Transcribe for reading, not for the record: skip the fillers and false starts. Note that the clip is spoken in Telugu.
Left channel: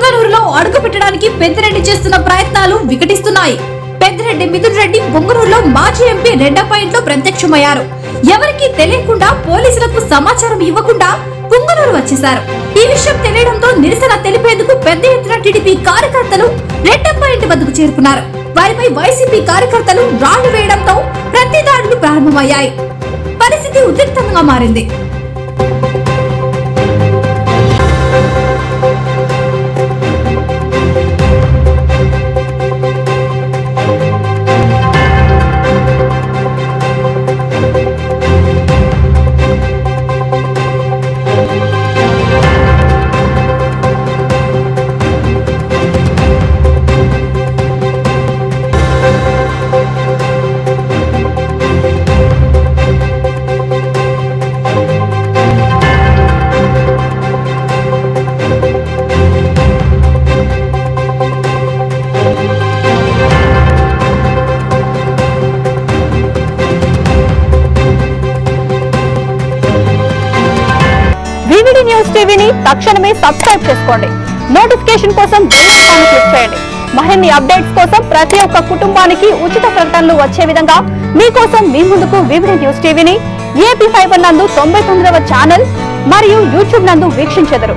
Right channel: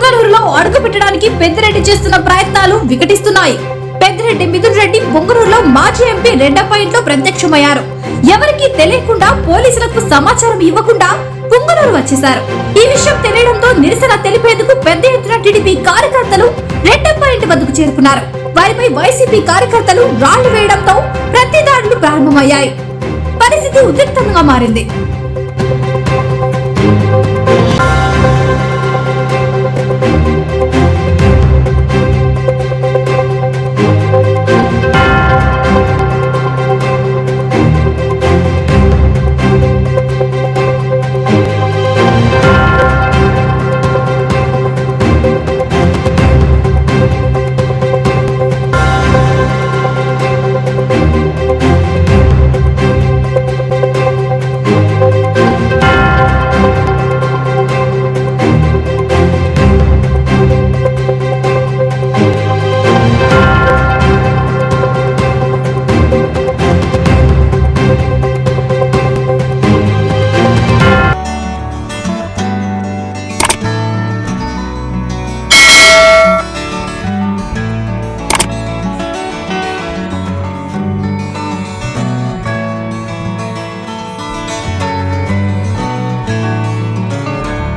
పుంగనూరులో అడుగు పెట్టడానికి పెద్దిరెడ్డి చేస్తున్న ప్రయత్నాలు వికటిస్తున్నాయి. పెద్దిరెడ్డి మిథున్ రెడ్డి పుంగనూరులో మాజీ ఎంపీ రెడ్డప్ప ఇంట్లో ప్రత్యక్షమయ్యారు. ఎవరికీ తెలియకుండా పోలీసులకు సమాచారం ఇవ్వకుండా పుంగనూరు వచ్చేశారు. ఈ విషయం తెలియడంతో నిరసన తెలిపేందుకు పెద్ద ఎత్తున టీడీపీ కార్యకర్తలు రెడ్డప్ప ఇంటి వద్దకు చేరుకున్నారు. వారిపై వైసీపీ కార్యకర్తలు రాళ్లు వేయడంతో ప్రతిదాడులు ప్రారంభమయ్యాయి. పరిస్థితి ఉద్రిక్తంగా మారింది. టీవీని తక్షణమే సబ్స్క్రైబ్ చేసుకోండి. నోటిఫికేషన్ కోసం క్లిక్ చేయండి. మరిన్ని అప్డేట్స్ కోసం ప్రతి ఒక్క కుటుంబానికి ఉచిత ప్రకటనలు వచ్చే విధంగా మీకోసం మీ ముందుకు వివిడి న్యూస్ టీవీని ఏపీ ఫైబర్ నందు 99వ ఛానల్ మరియు యూట్యూబ్ నందు వీక్షించెదరు.